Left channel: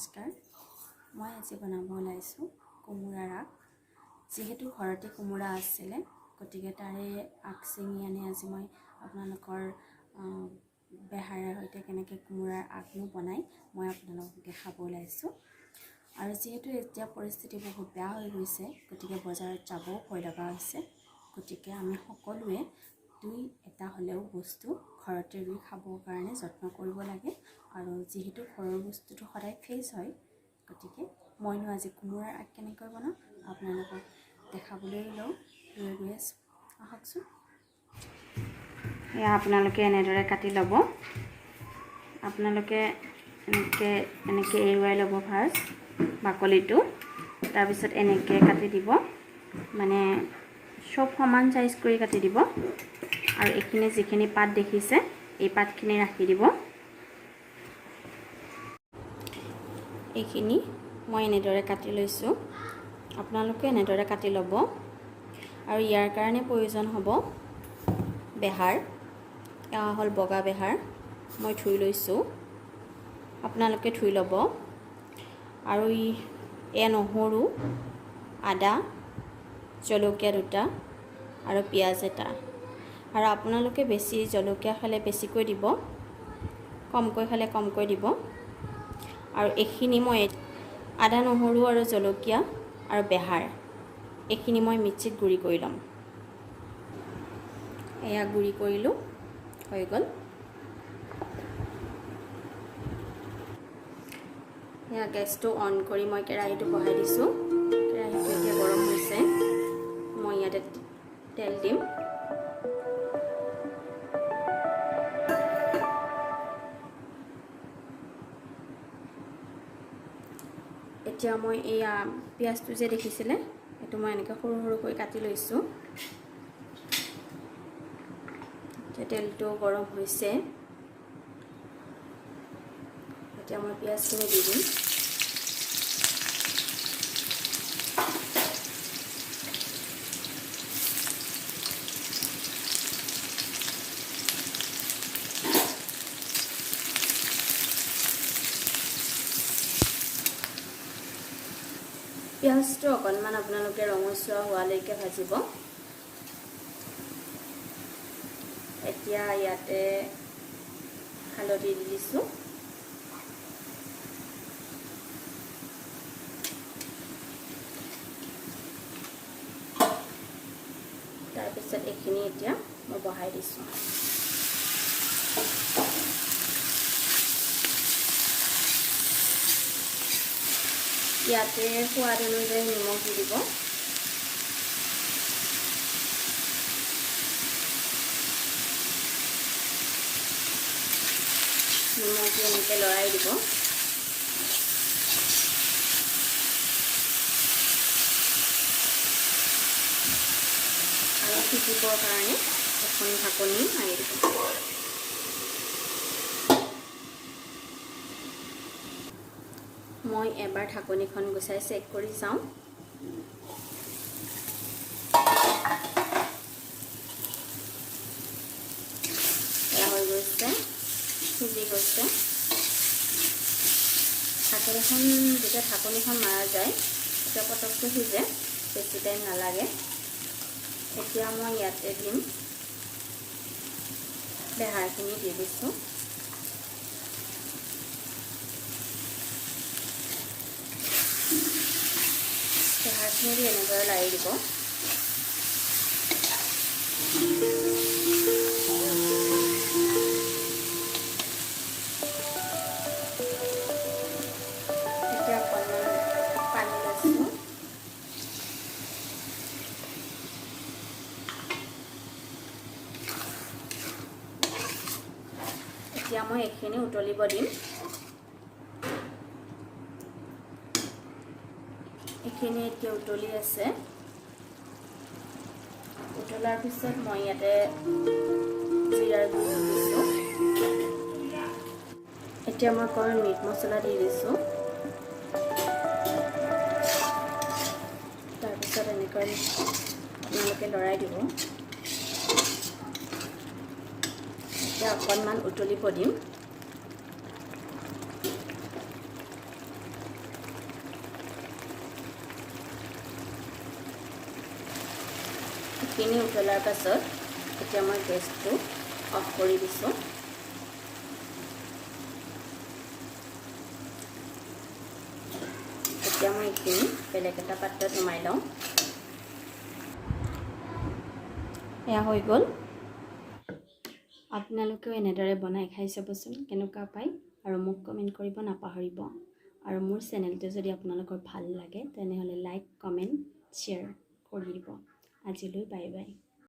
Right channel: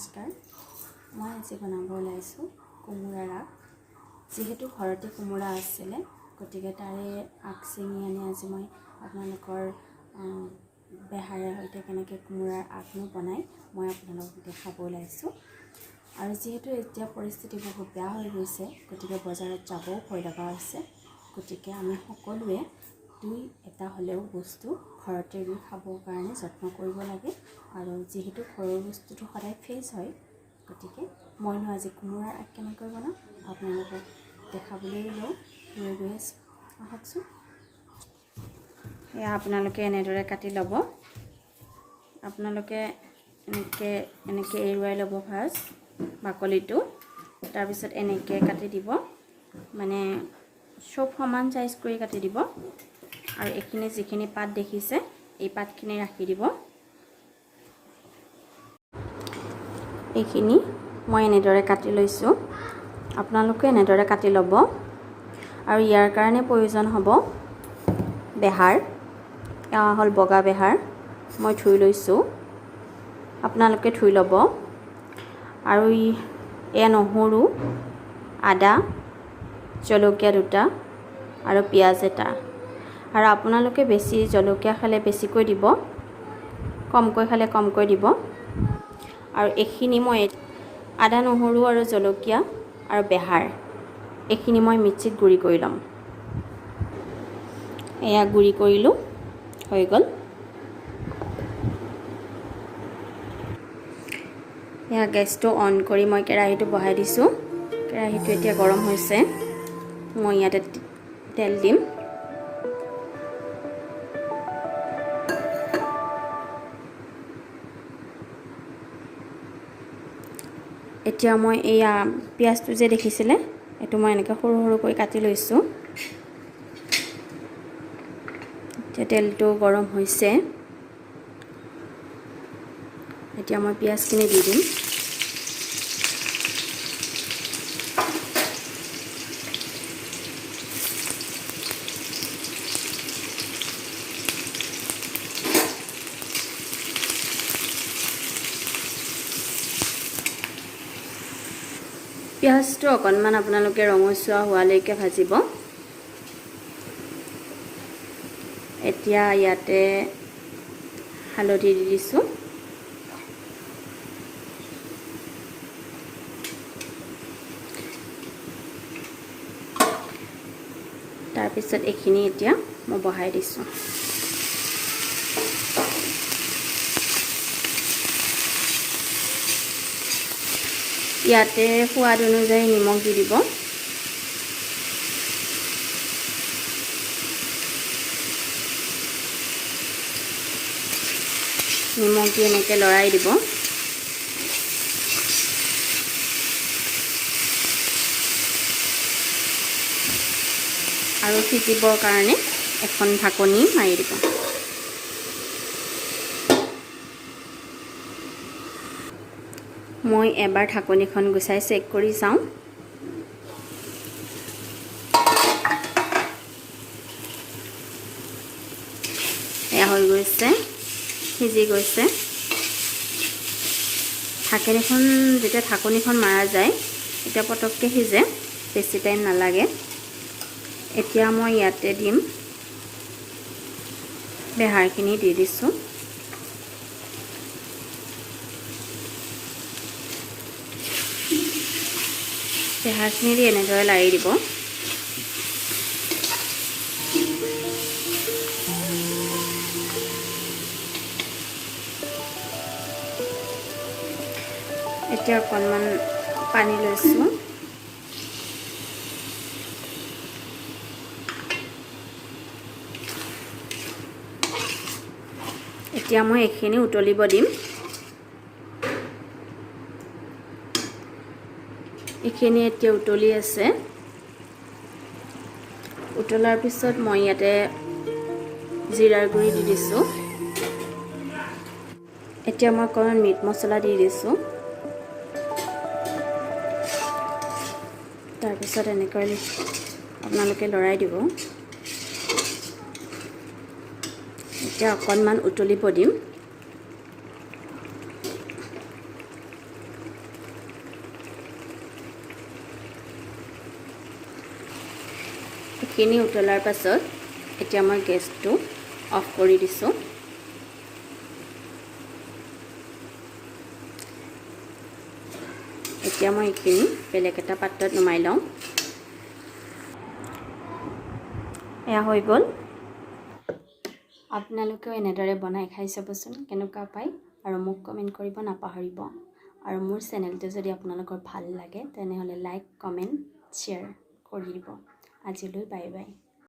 নমস্কাৰ। মই আজি বনাব ওলাইছোঁ কোমোৰাৰ আগ। যিহেতু ঘৰতে কোমোৰা আছিলে গতিকে তাৰে আগ চিঙি আনি আজি মই আপোনালোকৰ বেহাৰে সৈতে কেনেকৈ কোমোৰাৰ আগনো বনাই মই আপোনালোকক দেখাব ওলাইছোঁ। আৰু যিহেতু এতিয়া পৰিস্থিতি বহুত বেয়া হৈ গৈছে গতিকে বজাৰত যাবও ভয় লগা হৈছে। গতিকে আমি সকলোৱে দুই এটা হ'লেও বস্তু ঘৰতে ৰুই খাবৰ কাৰণে যত্ন কৰিব লাগে। আৰু যিহেতু ঘৰৰ বস্তুটো সদায় ফ্ৰেছ হয় গতিকে মইনো আজি কোমোৰাৰ আগ কেনেকৈ বনাওঁ আপোনালোকক দেখাবলৈ লওঁ। গৈ আছোঁ, আহকচোন। এয়া আপোনালোকে এনেদৰে কাটি ল'ব। আপোনালোকে এনেকৈ এৰুৱাই ল'ব ফাৰ্ষ্ট বাকলিটো, তাৰপিছত এনেকৈ কাটি দিব, মানে চব সমান চাইজ কৰি কাটি দিব। আৰু এইখিনি যিখিনি পাত দেখিছে এই পাতখিনি ৰাখি দিব। এইখিনি মই এনেদৰে কাটি লৈছোঁ, আপোনালোকে এনেদৰে কাটি ল'ব। আৰু ইয়াৰ কাৰণে প্ৰয়োজন হ'ব বেহাৰ। এয়া হ'ল বগা বেহাৰ, মই ধুই লৈছোঁ, আপোনালোকে ধুই ল'ব। আৰু এয়া নহৰু, আদা, জলকীয়া দুটা আৰু পিঁয়াজ এটা। আৰু আপোনালোকে বেছি জলকীয়া খালে বেছিকৈ দিব, কমকৈ খালে কমকৈ দিব। আৰু এইখিনি মই আদা নহৰু আৰু জলকীয়া আৰু বেহাৰ এইখিনি মই মিক্সিত গুড়ি কৰি ল'ম। এয়া গুড়ি কৰিলোঁ, হৈ গ'ল। এয়া গেছটো অন কৰি মই কেৰাহীটো বহাই দিছোঁ। কেৰাহীটো এতিয়া গৰম হৈছে। মই ইয়াতে তেল দিম। এতিয়া মই এয়া পিঁয়াজটো যে দেখিছিলে এইটো মই এনেকৈ সৰু সৰুকৈ কাটি লৈছোঁ। এতিয়া তেলটো গৰম হৈছে, এতিয়া মই পিঁয়াজখিনি দি দিম। পিঁয়াজটো অকণমান আপোনালোকে ৰঙচুৱা হোৱালৈকে ভাজিব। এতিয়া ইয়াতে হালধি দি দিছোঁ। তাৰপিছত এইখিনি এতিয়া মই বহাই দিছোঁ। ইয়াতে সোৱাদ অনুযায়ী নিমখ দি দিব। নিমখ দি এনেকৈ লৰাই দিব। আৰু সিজিবৰ কাৰণে এখন ঢাকনি মাৰি দিব। মই এবাৰ ঢাকনিখন গুচাই চেক কৰি চাওঁ। এয়া হৈ গৈছে, সিজি গৈছে। যেতিয়া ঢাকনিখন মাৰা যায় তেতিয়া পটককৈ সিজে, বেছি টাইম নালাগে। এতিয়া মই ইয়াতে দিম, বেহাৰখিনি দি দিছোঁ। বেহাৰখিনি দি এনেদৰে লাৰি দিব। এতিয়া অকণমান পানী লৈছোঁ। এতিয়া মই এইখিনি উতলিব দিম। এইখিনি এতিয়া উতলি আছে। উতলাৰ পিছত মই ইয়াতে জিৰাৰ গুড়ি দি দিছোঁ। এতিয়া মই অকণমান মিট মছলা দি দিছোঁ। তাৰপিছত এনেকৈ আপোনালোকে লৰাই দিব। এতিয়া অকণমান উতলিব দিম। এইখিনি উতলাৰ পাছত এতিয়া মই গেছটো অফ কৰি দিছোঁ। এতিয়া মই এইখিনি বেলেগ এটা পাত্ৰত নমাই লওঁ। এয়া হৈ গ'ল। আপোনালোকেও এনেদৰে বনাই খাই চাবচোন কেনেকুৱা পায়, আৰু মোক কমেণ্ট কৰিব নাপাহৰিব। আৰু মোৰ চেনেলটো যদি আপোনালোকৰ ভাল লাগে তেনেহ'লে লাইক, কমেণ্ট, শ্বেয়াৰ কৰি দিব। আজিলৈ বাই বাই।